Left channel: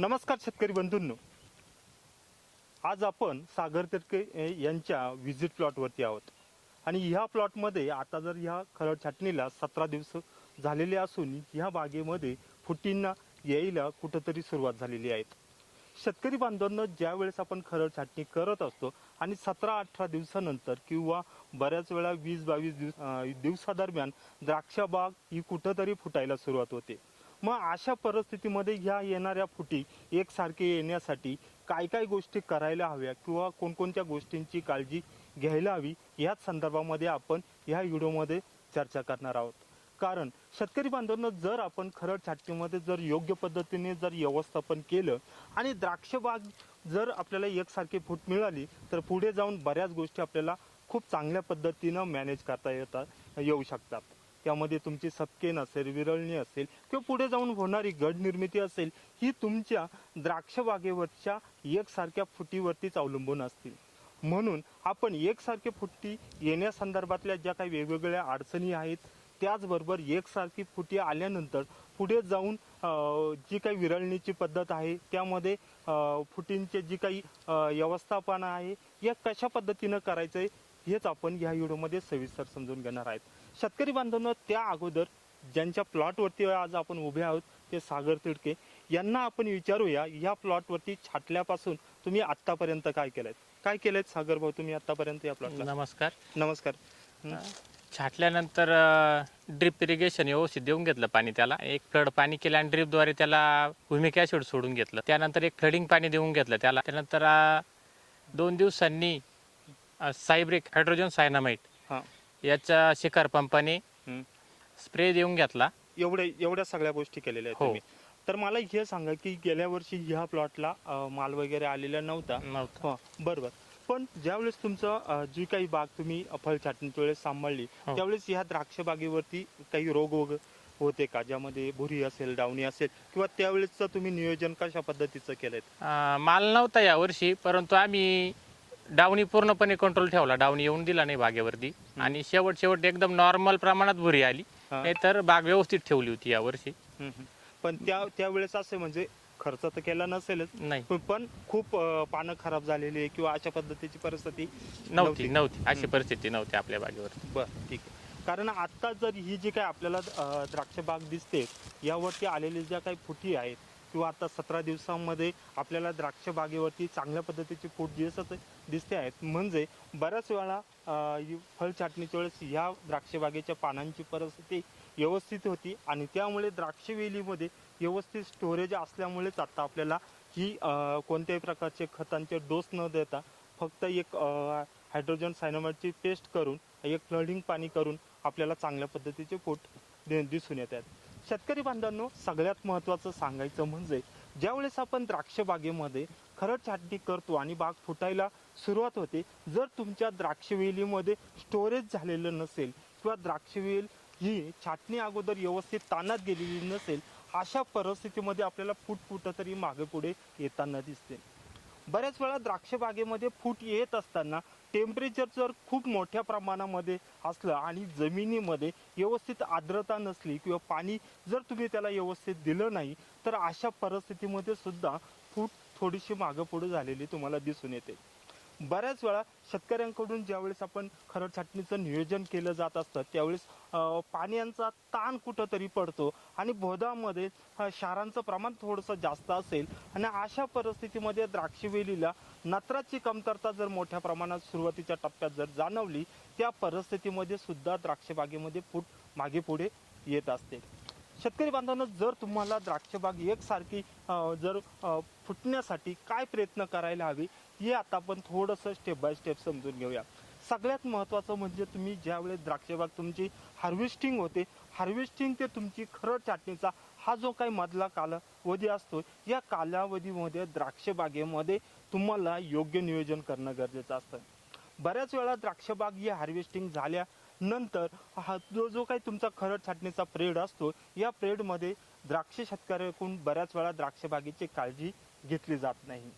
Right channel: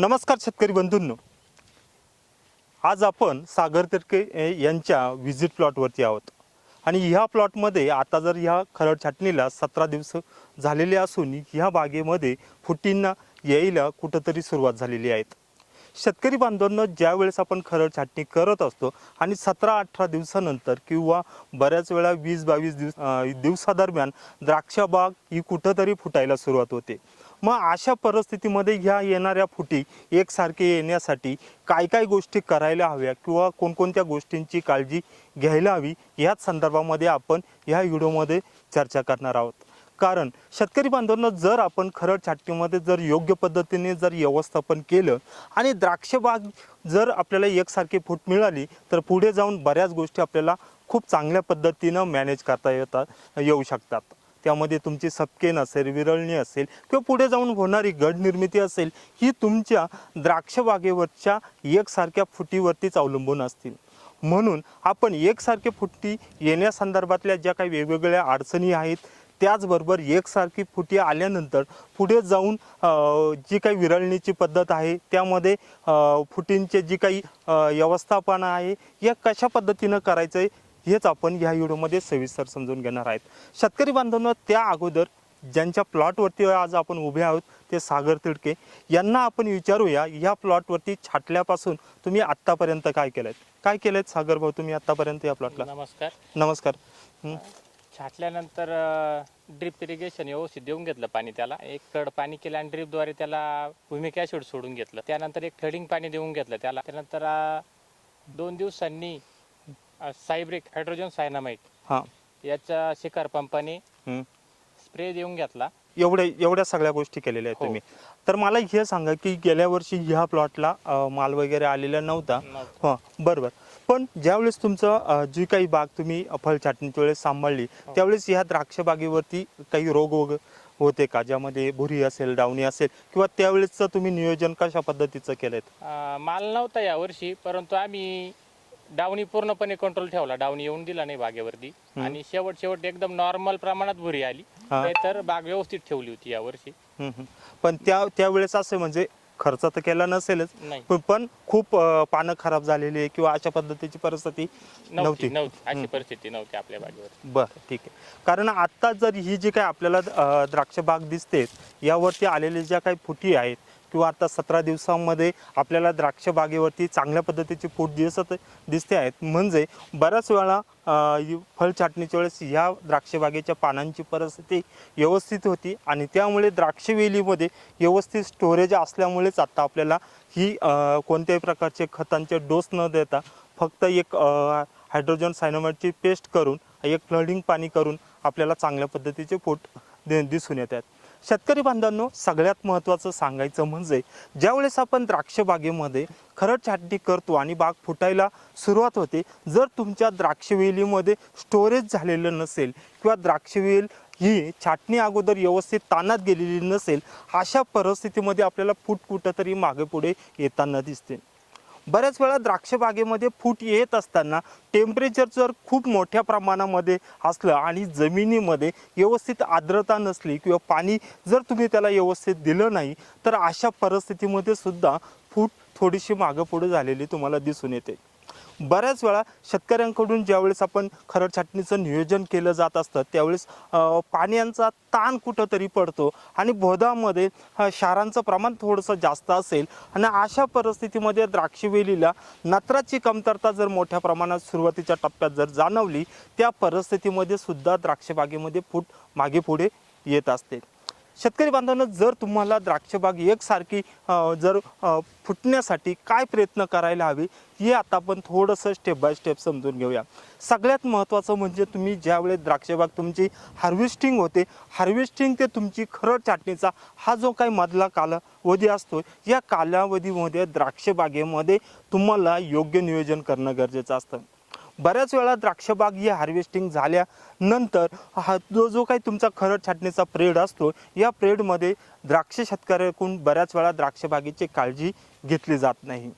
नमस्कार शेतकरी बंधूंनो, आज आपण सागर तिडके यांच्या व्हिजिट प्लॉटवरती आहोत आणि ह्या प्लॉटमध्ये आता जर ह्या खरड छाटणीला 17 दिवस झालेले असून ह्या बागेमध्ये फुटींना यायला कुठंतरी सुरुवात झालेली आहे. शेतकरी बांधवांनो, ज्या वेळेस आपण खरड छाटणी करत असतो आणि 17-18 दिवसानंतर किंवा बऱ्याच वेळा 20-22 दिवसादरम्यान द्राक्ष बाग ही कुठंतरी फुटायला सुरुवात होते. मग अशा परिस्थितीमध्ये ह्या येणाऱ्या फुटी एकसारखे येण्यासाठी काय काय गोष्टी करायला हव्या किंवा कोणकोणत्या गोष्टींची काळजी घ्यायला हवी, याच संदर्भामध्ये आपण ह्या व्हिडिओमध्ये चर्चा करणार आहोत. कारण शेतकरी बांधवांना, जर आपण खरड छाटणीमध्ये जर योग्य पद्धतीने जर व्यवस्थापन केलं आणि द्राक्ष बाग जर आपल्याला एकसारखी फूट मिळाली तर पुढे जाऊन बऱ्याच गोष्टी आपल्याला खूप चांगल्या पद्धतीनं मॅनेज करता येऊ शकतात. त्यामध्ये तुमची सपकेन असेल, विरळणी असेल किंवा पुढे जाऊन होणारी गड निर्मिती असेल, ही तुमच्या द्राक्ष बागेवरच्या एकसारख्या फुटीवरतीच अवलंबून असतील. म्हणून आपण एकसारखे फुटी येण्यासंदर्भातल्या ज्या काही वेगवेगळ्या अडचणी आहेत, त्याचबरोबर एकसारखी फुटी आल्यानंतर पुढे जाऊन जी काही विरळणीची पद्धत आहे, त्यामध्ये फुटींचे जी काही व्यवस्थापन आहे, या कशा पद्धतीनं करायचं आहे, हेच आपण ह्या व्हिडिओमध्ये सविस्तर समजून घेणार आहेत. शेतकरी बांधवांनो, त्या अगोदर ज्यांच्या प्लॉटवरती आज आपण उभे आहोत ते सागर तिडके यांना आपण विचारूया, ह्या प्लॉटवरती छाटल्यापासून तुम्ही आत्तापर्यंत काय केलंय सागर भाऊ, तुम्ही आत्तापर्यंत या प्लॉटला? नमस्कार. नमस्कार. छाटल्यानंतर ड्रिप इरिगेशन व्यवस्थित देऊन घेतलं पाणी, त्याला एक फ्लड पाणी केलं आणि ड्रिपद्वारे त्याला ह्युमिक ॲसिड सोडून घेतलं. त्यानंतर एक फ्लडिंग पाणी देऊन घेतलं त्याला. त्यानंतर 2 दिवसांनी सायब्रिक हायड्रोजन सायनामाइड हां, याच्या शिकार पंपाने स्प्रे देऊन घेतला. एवढ्या सगळ्या गोष्टी केलेल्या आहेत हो. तुम्ही. तर मला हे सांगा की गेल्या वर्षी ह्या प्लॉटला माल वगैरे आलेला नव्हता. हां, बरोबर. पण ज्यावेळेस तुमचं जी काही बाग तुम्ही फळ छाटणीच्या वेळेस सांभाळली, त्यावेळेस ह्या द्राक्ष बागेवरती काही रोग होते का, ज्यामध्ये भुरी असेल, डावणी असेल, किंवा त्यावेळेसचं तुम्ही नियोजन कशा पद्धतीचं केलंय? माल नव्हता यावर्षी, परंतु आम्ही डावणी पूर्णपणे कंट्रोल ठेवला. डावणी येऊन दिला नाही बागेवरती आणि शेवट एकदम नॉर्मल प्रमाणात भुरी आली. तर बाग व्यवस्थित ठेवली होती यावर्षी. पण त्यावेळेस असे म्हणजे खर्च तर केला नसेलच, पण खूप पानं खराब झालेली आहे किंवा अशा पद्धतीची परिस्थिती नव्हती. अशी परिस्थिती नव्हती आपल्या बागेवर. बरं, ठीक आहे. कारण आता जर ही जी काही आपल्याला द्राक्ष बाग दिसते, यावरती आलेल्या ज्या काही फुटी आहेत किंवा आता 17 दिवसांमध्ये आपल्याला द्राक्ष बागेवरती चांगल्या पद्धतीची फूट दिसते आहेत, म्हणजे बऱ्याच वेळा फळ छाटणीच्या वेळेस ह्या द्राक्ष बागेच्या पानांची परिस्थिती व्यवस्थित होती आणि त्यामुळे द्राक्ष वेलीमध्ये व्यवस्थित स्टोरेज असल्यामुळेच आता आपल्याला ही कोणत्याही प्रकारचे खतांचे डोस न देता फक्त एक हायड्रोजन सायनामाइडची पेस्ट करून, एक फ्लडिंग पाणी करून आपल्याला चांगल्या पद्धतीचे फूट दिसून येतात. शेतकरी बांधवांनो, सगळ्यात महत्त्वाचं सांगायचं म्हणजे ज्यावेळेस आपण द्राक्ष बागेमध्ये खरड छाटणी करतो आणि बाग फुटायला सुरुवात होते, जर तुमच्या द्राक्ष वेलीमध्ये स्टोरेज झालेलं नसेल किंवा द्राक्ष वेल ही छाटणी अगोदर व्यवस्थित ताणात गेलेली नसेल, अशा परिस्थितीमध्ये आपल्याला फूट कुठंतरी मागे पुढे येताना दिसते. बऱ्याच वेळा द्राक्ष बागेमध्ये फूट येत असताना टेम्परेचर जर खूप मोठ्या प्रमाणामध्ये असलं आणि जमिनीमध्ये व्यवस्थित आर्द्रता नसली किंवा पाणी जर तुम्ही त्याला व्यवस्थित दिलं नाही, तर अशा परिस्थितीमध्ये सुद्धा फूट थोडीशी मागं पुढे झालेली तुम्हाला दिसून येते. बऱ्याच वेळा शेतकऱ्यांकडून ज्यावेळेस आपण खरड छाटणीचं नियोजन केलं जात असतं, त्यावेळेस पाण्याचा ताण कुठंतरी पडतो आणि बोधामध्ये क्षारांचं प्रमाण थोडंसं जास्त असेल आणि अशा परिस्थितीमध्ये द्राक्षवेलीला नत्राची कमतरता जर मोठ्या प्रमाणात सुरुवातीच्या टप्प्यात जर जाणवली, त्या परिस्थितीमध्ये सुद्धा द्राक्षबागेमध्ये फूट मागे पुढे येत असते. शेतकरी बांधवांनो, जर तुम्हाला द्राक्षबाग एकसारखी जर फुटण्यासाठी काय प्रयत्न करायला हवे, हे आता आपण थोडंसं स्टेप बाय स्टेप समजून घेऊया. सगळ्यात महत्त्वाचं म्हणजे तुम्ही ज्यावेळेस द्राक्षबाग तुमची हार्वेस्टिंग होते, हार्वेस्टिंग ते तुमची खरड छाटणीचा हा जो काही मधला कालावधी असतो, या कालावधीमध्ये द्राक्षबागेमध्ये तुम्हाला योग्य नियोजन करणं गरजेचं असतं. बऱ्याच वेळा द्राक्षबाग ही हार्वेस्टिंग झाल्यानंतर हा जो काही तुमचा खरड छाटणीचा पिरियड असतो, या पिरियडमध्ये द्राक्ष शेतकऱ्याकडून बऱ्याच वेळा द्राक्षबागेची काळजी घेतली जात नाही.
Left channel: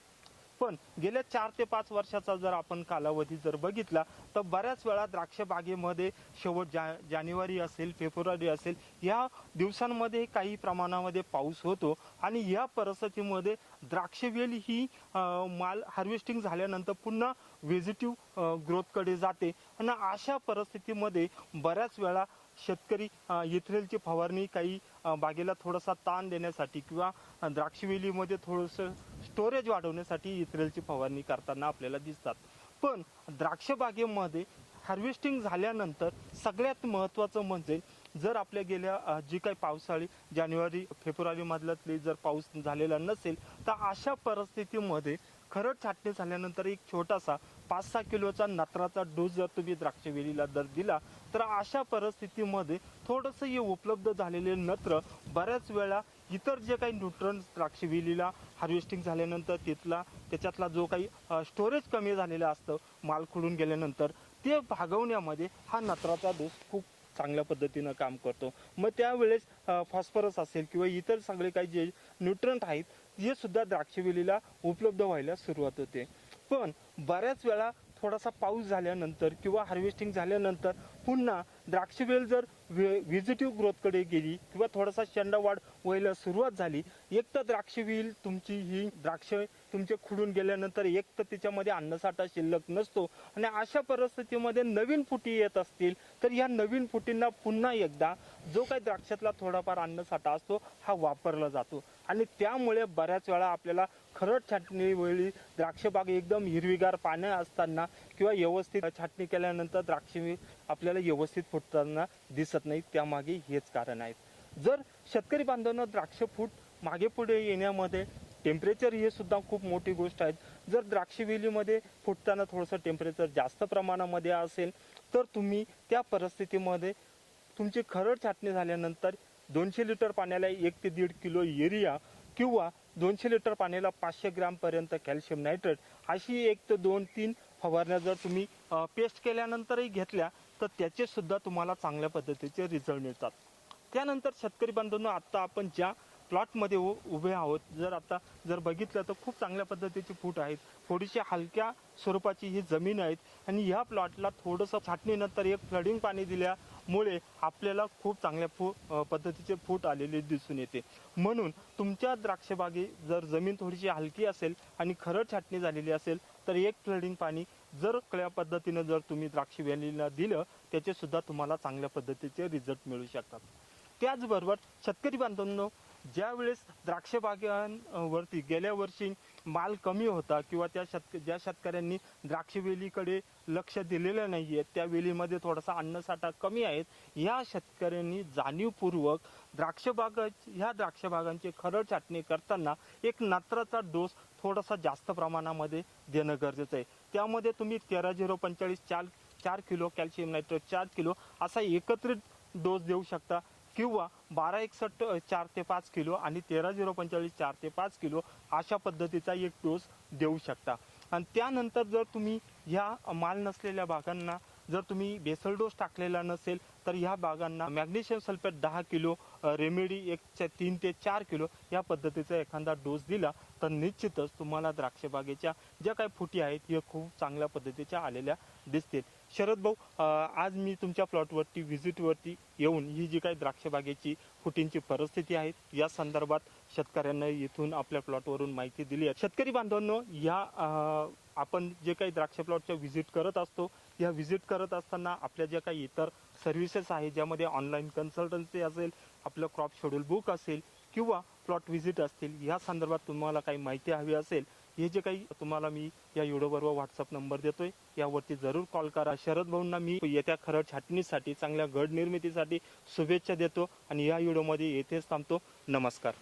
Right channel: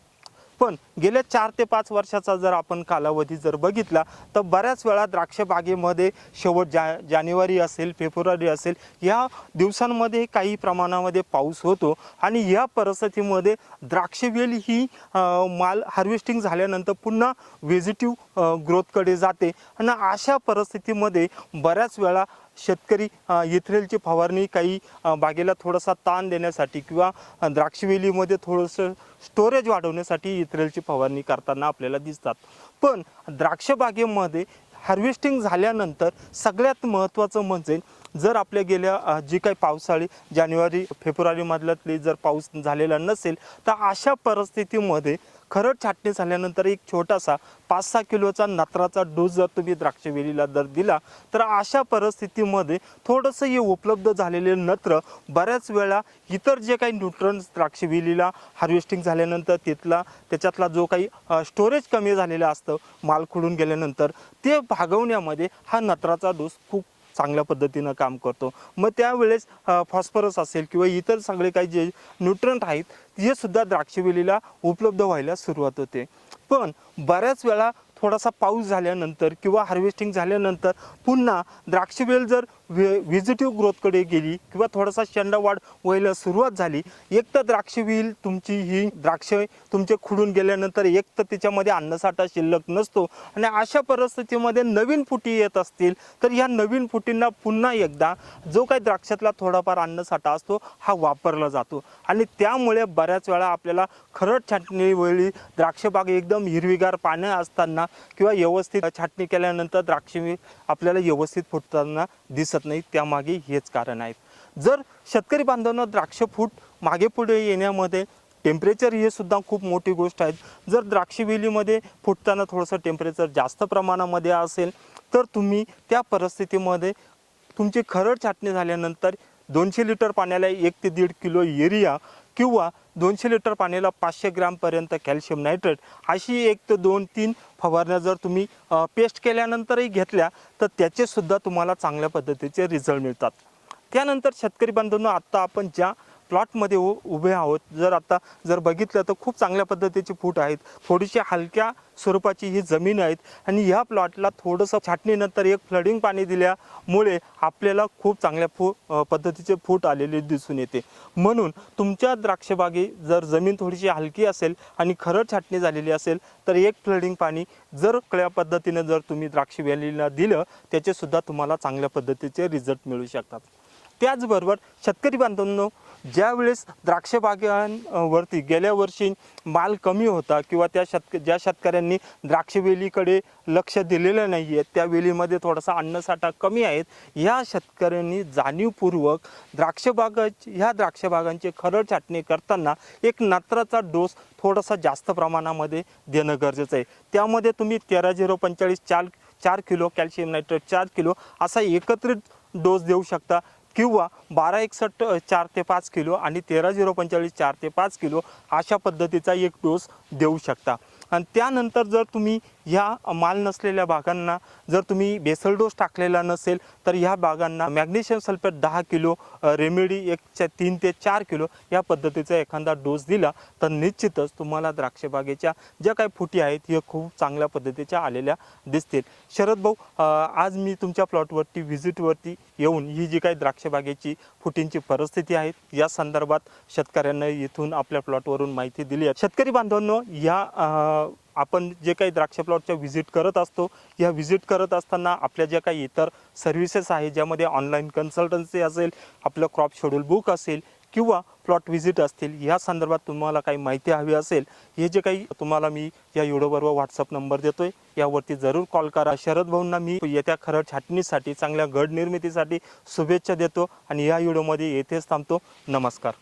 पण गेल्या 4 ते 5 वर्षाचा जर आपण कालावधी जर बघितला तर बऱ्याच वेळा द्राक्ष बागेमध्ये शेवट जानेवारी असेल, फेब्रुवारी असेल, या दिवसांमध्ये काही प्रमाणामध्ये पाऊस होतो आणि या परिस्थितीमध्ये द्राक्षवेल ही माल हार्वेस्टिंग झाल्यानंतर पुन्हा व्हेजिटिव्ह ग्रोथकडे जाते आणि अशा परिस्थितीमध्ये बऱ्याच वेळा शेतकरी इथ्रेलची फवारणी काही बागेला थोडासा ताण देण्यासाठी किंवा द्राक्षवेलीमध्ये थोडंसं स्टोरेज वाढवण्यासाठी इथ्रेलची फवारणी करताना आपल्याला दिसतात. पण द्राक्ष बागेमध्ये हार्वेस्टिंग झाल्यानंतर सगळ्यात महत्त्वाचं म्हणजे जर आपल्या गेल्या जी काही पावसाळी जानेवारी फेब्रुवारीमधल्यातली जर पाऊस झालेला नसेल तर अशा परिस्थितीमध्ये खरड छाटणी झाल्यानंतर एक छोटासा 5-6 किलोचा नत्राचा डोस जर तुम्ही द्राक्षवेलीला जर दिला तर अशा परिस्थितीमध्ये थोडंसं हे उपलब्ध झालेले नत्र बऱ्याच वेळा इतर जे काही न्यूट्रन्स द्राक्षवेलीला हार्वेस्टिंग झाल्यानंतर त्याच्यातला जो काही स्टोरेज कमी झालेलं असतं माल खुडून गेल्यानंतर ते भागवण्यामध्ये हा नत्राचा डोस खूप चांगल्या पद्धतीनं काम करतो. मग त्यावेळेस फॉस्फरस असेल किंवा इतर सगळे काही जे न्यूट्रंट आहेत हे सुद्धा द्राक्षवेलीला उपलब्ध व्हायला सुरुवात होते. पण बऱ्याच वेळा थोडासा पाऊस झाल्यानंतर किंवा हार्वेस्टिंग झाल्यानंतर पुन्हा द्राक्षवेल जर व्हिजिटिव्ह ग्रोथकडे गेली किंवा थोडासा शेंडावाढ व्हायला सुरुवात झाली, एक तर द्राक्षवेल तुमची ही द्राक्ष तुमचे खुडून गेल्यानंतर एक तर त्याच्यामध्ये अन्नसाठा शिल्लक नसतो आणि अशा परिस्थितीमध्ये नवीन फुटी येत असतील तर या नवीन फुटींना पुन्हा एकदा जो काही द्राक्षातला थोडाफार अन्नसाठा असतो हा वापरला जातो आणि त्यामुळे बऱ्याच वेळा आपल्याला खरड छाटणी वेळी द्राक्षबाग एकदम हिरवीगार पानं असताना किंवा व्यवस्थित छाटणी केल्यानंतर द्राक्षे आपल्याला व्यवस्थित फुटताना दिसत नाही. त्यामागे हेच कारण आहेत. जर शेतकरी बांधवांना द्राक्ष फूट मागे पुढे येण्यामध्ये टेम्परेचर हे सुद्धा खूप मोठी गोष्ट आहे. जर द्राक्षवेलीमध्ये फुटताना थोडंसं टेम्परेचर जास्त प्रमाणामध्ये असेल तर तुम्ही त्या परिस्थितीमध्ये तुमची खरड छाटणी झाल्यानंतर 200 लिटर पाण्याला 1 ते 1.5 किलो युरिया किंवा 200 लिटर पाण्याला 500 ग्रॅमपर्यंत कॅल्शियम नायट्रेट अशी 1 ते 2-3 फवारण्या जर तुम्ही पेस्ट केल्यानंतरही घेतल्या तर त्याचे सुद्धा तुम्हाला चांगल्या पद्धतीचे रिझल्ट मिळतात. त्यानंतर शेतकरी बांधवांनो, आत्ता आपण ज्या प्लॉटमध्ये उभे आहोत जर बघितलं तर खूप चांगल्या पद्धतीची फूट आहेत. थोडीशी हलक्या स्वरूपाची ही जमीन आहेत आणि ह्या प्लॉटला थोडंसं छाटणीनंतर एक फ्लडिंग पाणी दिल्यामुळे आपल्याला खूप चांगल्या पद्धतीचे फूट आलेले दिसून येते. म्हणून तुमच्या द्राक्षबागे जर जमीन थोडीशी हलकी असेल आणि खरड छाटणी झालेली असेल तर एक फ्लडिंग पाणी जर कळ्या पद्धतीने जर तुम्ही द्राक्षवेलीला दिलं त्याचे सुद्धा तुम्हाला चांगल्या पद्धतीचे रिझल्ट मिळू शकतात. त्याचबरोबर शेतकरी बांधवांनो, ज्यावेळेस द्राक्ष बागांवरती गेल्या वर्षी माल कमी होता किंवा ज्या शेतकऱ्यांनी द्राक्षवेलीकडे लक्ष दिलेलं नाही आहे, त्या वेलीमध्ये थोडासा अन्नसाठा कमी आहेत, ह्या शेतकऱ्यांनी जाणीवपूर्वक ह्या द्राक्ष बागांची खरड छाटणी करताना एक नत्राचा डोस थोडासा जास्त प्रमाणामध्ये देणं गरजेचं आहे. त्यामध्ये तुम्ही 13-0-45 4 किलो कॅल्शियम नायट्रेट 4 किलो असा एकत्रित डोस देऊ शकता किंवा 12-61 4 ते 5 किलो आणि 13-0-45 4 ते 5 किलो अशा पद्धतीचा एक डोस देऊ शकता. आणि त्यानंतर जर तुम्ही ह्या माल नसलेल्या बागांना जर तुम्ही बेसल डोस टाकलेला नसेल तर ह्या बागांना मॅग्नेशियम सल्फेट 10 किलो, रेमेडी 3 ते 4 किलो या पद्धतीचा एखादा डोस दिला तर निश्चितच तुम्हाला द्राक्षबागेच्या ज्या काही फुटी आहेत हे खूप चांगल्या पद्धतीच्या आलेल्या दिसतील. शरद भाऊ, आज मी तुमच्या प्लॉटवरती व्हिजिटवरती येऊन ही जी काही द्राक्षबागेची फुटींची परिस्थिती आहे या संदर्भात शेतकऱ्यांना इथून आपल्या प्लॉटवरून माहिती दिली आहे. शेतकरी बांधवांनो, आपण जे काही द्राक्ष प्लॉटच्या व्हिजिट करत असतो, या व्हिजिट करत असताना आपल्या ज्या काही इतर सर्व्हिसेस आहेत ज्यामध्ये ऑनलाईन कन्सल्टन्सी असेल, आपलं क्रॉप शेड्यूल बुक असेल किंवा प्लॉट व्हिजिट असतील, या संदर्भात तुम्हाला काही माहिती हवी असेल, हे जे काही तुम्हाला मी या व्हिडिओबरोबर व्हॉट्सअप नंबर देतोय यावरती जरूर कॉल करा. शरद भाऊंना मी येत्या खरड छाटणीसाठी चांगल्या घड निर्मितीसाठी शुभेच्छा देतो आणि या व्हिडिओमध्ये येथेच थांबतो. नमस्कार.